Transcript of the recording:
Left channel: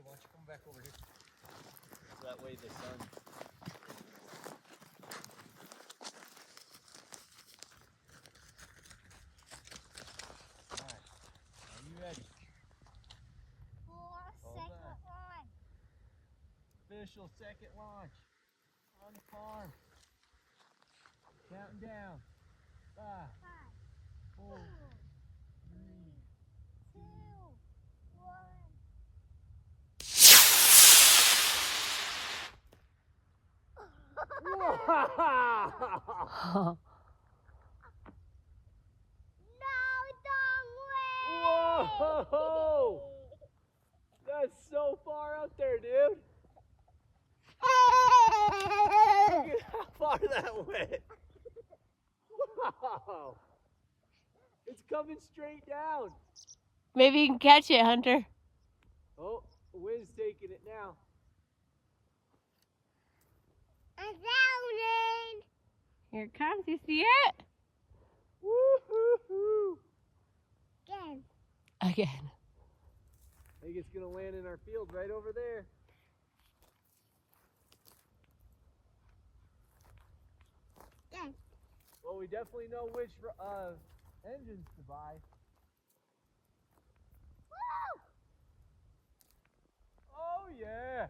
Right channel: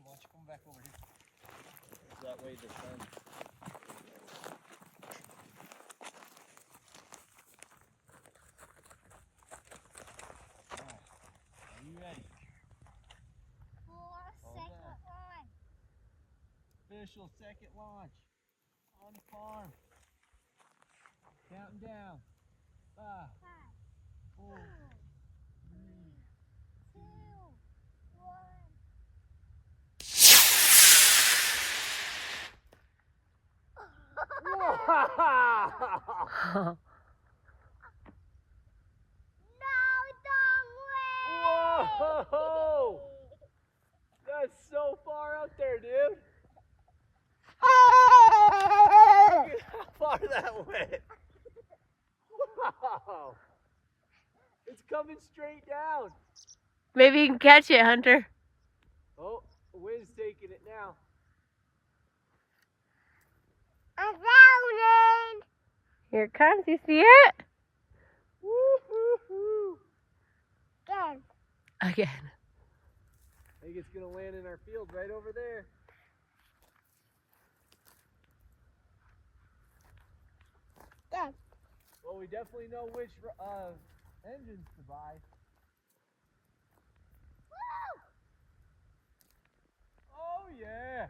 Hey, why don't you come back over here? So that way the sun. Alright. Are you ready? Second launch. Official second launch on the farm. Counting down. 5, 4, 3, 2, 1. Wow! Whoa! That's so far up there, dude. Look at how far that went. Wow! It's coming straight down. Maybe you can catch it, Hunter. Oh, the wind's taking it now. I'm drowning. Here it comes. You see it? Woo-hoo-hoo. Again. I think it's going to land in our field right over there. Again. Well, we definitely know which engines to buy. Woo! Oh, yeah.